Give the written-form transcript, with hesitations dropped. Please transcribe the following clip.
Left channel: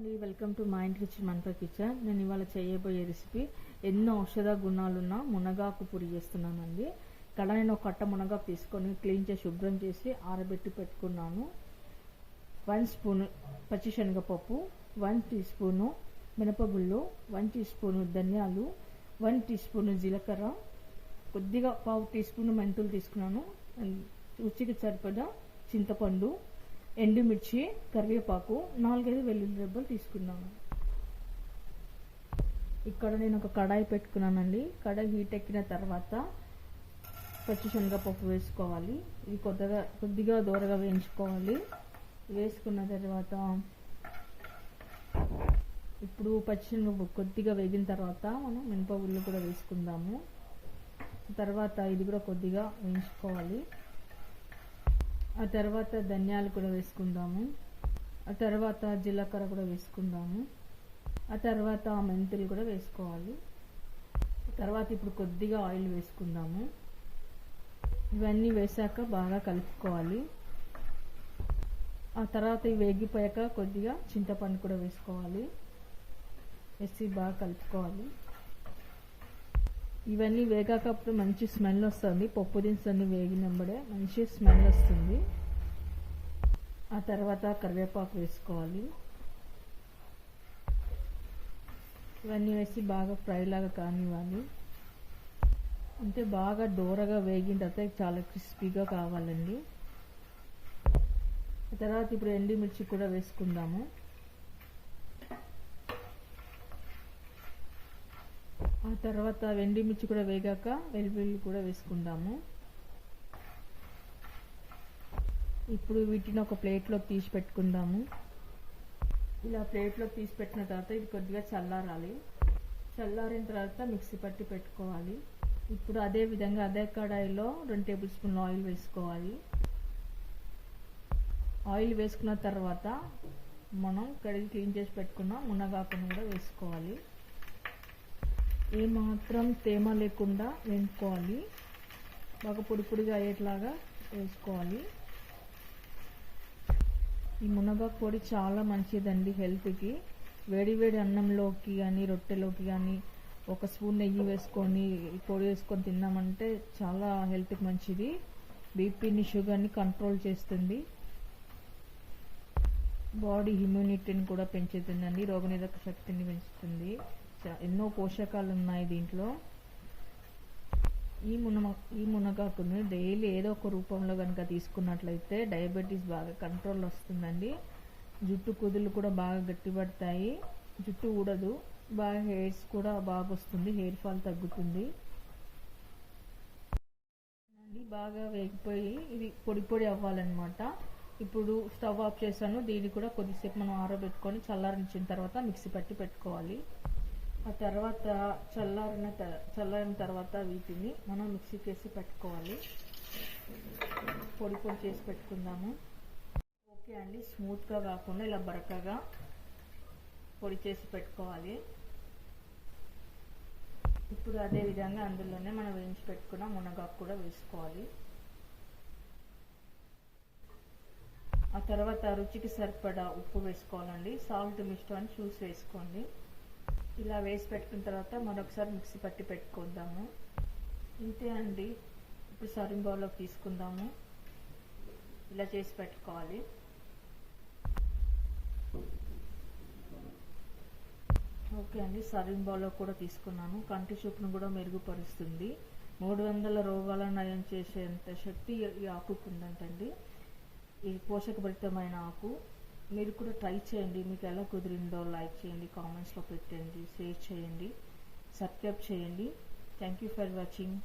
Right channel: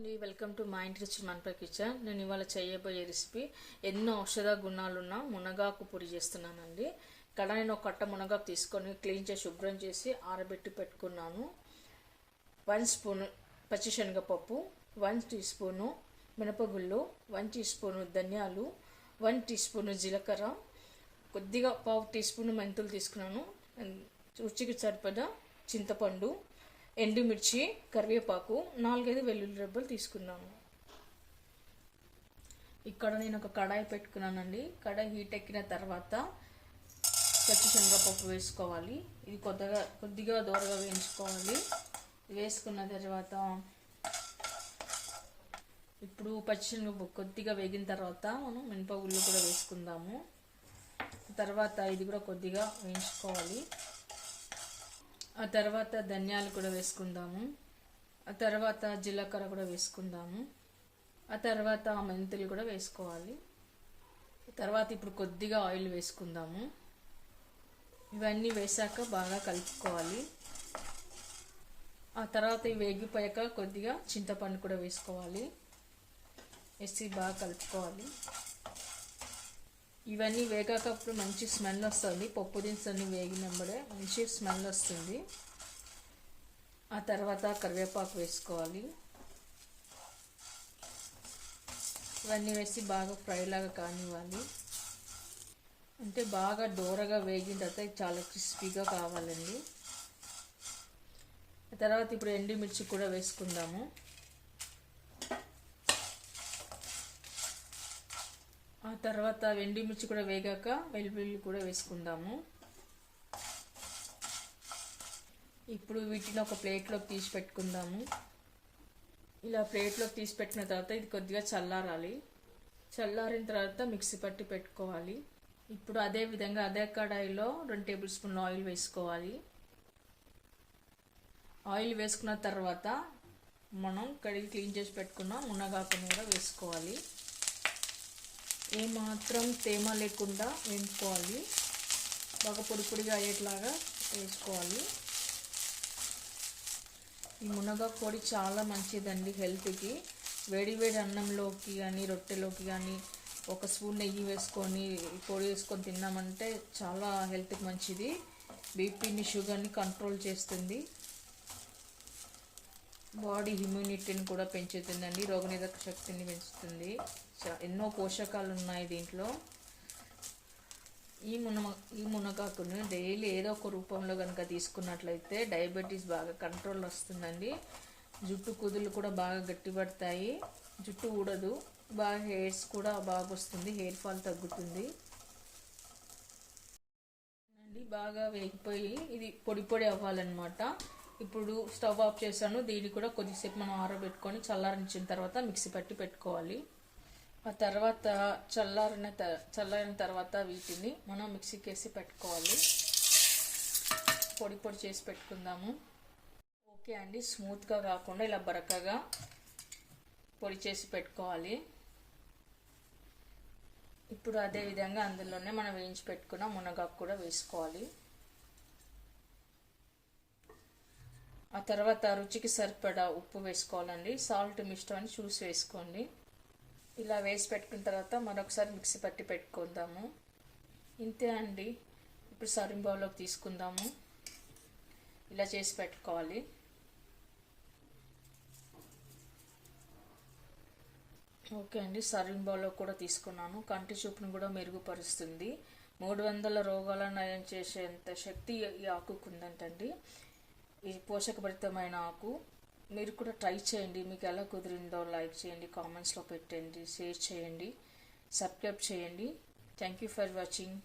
అండి, welcome to మా ఇంటి రుచి మనపై కిచెన్. నేను ఇవాళ చేయబోయే రెసిపీ ఎన్నో ఔషధ గుణాలున్న మునగాకు పొడి చేస్తున్నానండి. ఇక్కడ నేను ఒక కట్ట మునగాకు తీసుకొని క్లీన్ చేసి శుభ్రం చేసి ఆరబెట్టి పెట్టుకున్నాను. 1 స్పూను పచ్చిశనగపప్పు, 1 టీ స్పూను మినపగుళ్ళు, 1 టీ స్పూను ధనియాలు, 1 టీ స్పూను జీలకర్ర, కొద్దిగా 1/2 టీ స్పూను మెంతులు తీసుకున్నాను. రుచికి సరిపడా చింతపండు, ఎండుమిర్చి, కరివేపాకు, 4-5 వెల్లుల్లి రెబ్బలు తీసుకున్నాను. ఇక్కడ నేను ఒక కడాయి పెట్టుకున్నానండి. కడాయి హీట్ ఎక్కిన తర్వాత పచ్చిశనగపప్పు వేసుకోవాలి. ఇది కొద్దిగా దూరగా వేయించుకోవాలి. వేసుకున్న తర్వాత ఇప్పుడు పచ్చిశనగపప్పు కొద్దిగా వేగిన తర్వాత మనం మినపగుళ్ళు కూడా వేసుకుందాము. తర్వాత ఇది కూడా కొద్దిగా వేయించుకోవాలి. ఆ తర్వాత ధనియాలు కూడా వేసుకుందాము. ఆ తర్వాత జీలకర్ర కూడా వేసుకుందాము. ఆ తర్వాత మెంతులు కూడా వేసుకోవాలి. తర్వాత ఇప్పుడు కొద్దిగా ఆయిల్ వేసుకుందాము. ఇవన్నీ వేసాక బాగా కలుపుకోవాలి. ఆ తర్వాత ఇవి వేగిపోయాక కొద్దిగా చింతపండు కూడా వేసుకోవాలి. వేసి బాగా కలుపుకోవాలి. ఇవన్నీ వేగాకప్పుడు మంచి స్మెల్ వస్తుంది. పప్పు దినుసులన్నీ వేగినప్పుడే మంచి స్మెల్ వస్తుంది. ఆ తర్వాత కరివేపాకు వేసుకోవాలి. ఇవన్నీ వేసి బాగా ఫ్రై లాగా కానివ్వాలి. అంటే బాగా దూరగా వేగిన తర్వాత చాలా క్రిస్పీగా కావాలండి. ఆ తర్వాత ఇప్పుడు ఎండుమిర్చి కూడా వేసుకుందాము. ఆ తర్వాత ఎండుమిర్చి కూడా వేగాక వెల్లుల్లి కూడా వేసుకుందాము. ఇప్పుడు వీటిని ఒక ప్లేట్లోకి తీసి పెట్టుకుందాము. ఇలా ప్లేట్లోకి తీసి పెట్టిన తర్వాత ఇది కొద్దిగా చల్లారాలి. చల్లారిన తర్వాత మిక్సీ పట్టి పెట్టుకోవాలి. ఇప్పుడు అదే విధంగా అదే కడాయిలో 2 టేబుల్ స్పూన్ల ఆయిల్ వేసుకోవాలి. ఆయిల్ వేసుకున్న తర్వాత మనం కడిగి క్లీన్ చేసి పెట్టుకున్న మునగాకుని కూడా వేసుకోవాలి. ఏమాత్రం తేమ లేకుండా వేసుకోవాలి. బాగా పొడి పొడిగా అయ్యేట్లాగా వేసుకోవాలి. ఈ మునగాకు పొడి చాలా మంచిదండి హెల్త్కి. వేడి వేడి అన్నంలోకి కానీ రొట్టెలోకి కానీ 1 స్పూన్ నెయ్యి వేసుకొని పొడి వేసుకొని తిన్నామంటే చాలా హెల్త్కి మంచిది. బీపీని, షుగర్ని కంట్రోల్ చేస్తుంది. బాడీ ఇమ్యూనిటీని కూడా పెంచుతుందండి. రోగనిరోధక శక్తిని పెంచుతుంది. ఎన్నో పోషకాలు ఉన్నాయి దీంట్లో. ఈ మునగాకుని డైలీ ఏదో ఒక రూపంలో కనుక తీసుకున్నట్లయితే డయాబెటీస్ బాగా కంట్రోల్ వస్తుందండి. జుట్టు కుదులు కూడా బాగా గట్టిపడతాయి. జుట్టు ఊడదు. బాగా హెయిర్స్ కూడా బాగా వస్తుంది. హెయిర్ ఫాల్ తగ్గుతుంది. బాగా వేగిపోయి ఇది పొడి పొడి అవ్వాలన్నమాట. ఇప్పుడు స్టవ్ ఆఫ్ చేశాను. దీన్ని కూడా కొద్దిసేపు మనం ఆరబెట్టుకొని చల్లారించిన తర్వాత మిక్సీ పట్టి పెట్టుకోవాలి. ఆ తర్వాత చల్లారిన తర్వాత వీటిని మనం మిక్సీకి వేసి పెట్టుకోవాలి. పొడి పొడి చేసి పెట్టుకుందాము. ఓకే అండి, స్మూత్గా కాకుండా ఇలా బరకగా పొడి చేసి పెట్టుకోవాలి. ఇప్పుడు అదే విధంగా అందులోనే మనం వేయించి పెట్టుకున్న మునగాకు కూడా వేసుకోవాలి. ఆ తర్వాత రుచికి సరిపడా ఉప్పు వేసుకోవాలండి. సాల్ట్ మీ ఇష్టాన్ని చూసి వేసుకోండి. ఇలా వేసి పెట్టుకున్న తర్వాత మరొకసారి మిక్సీ పట్టి పెట్టుకుందాము. ఇంతే అండి. ఇప్పుడు సర్వింగ్ బౌల్లోకి తీసుకుందాము. ఇలా చేసి పెట్టుకోవాలి. ఓకే అండి, సర్వింగ్ బౌల్లో కూడా తీసుకున్నాను. కంటి చూపును కూడా మెరుగుపరుస్తుంది. 300 రోగాలను నయం చేసేంత శక్తి ఈ ఆకుకు ఉందంటండి. ఈ పోషకభరితమైన ఆకు. మీరు కూడా ట్రై చేయండి. మీకు ఎలా కుదిరిందో లైక్ చేయండి, కామెంట్స్లో పెట్టండి, షేర్ చేయండి, సబ్స్క్రైబ్ చేయండి. Thank you for watching.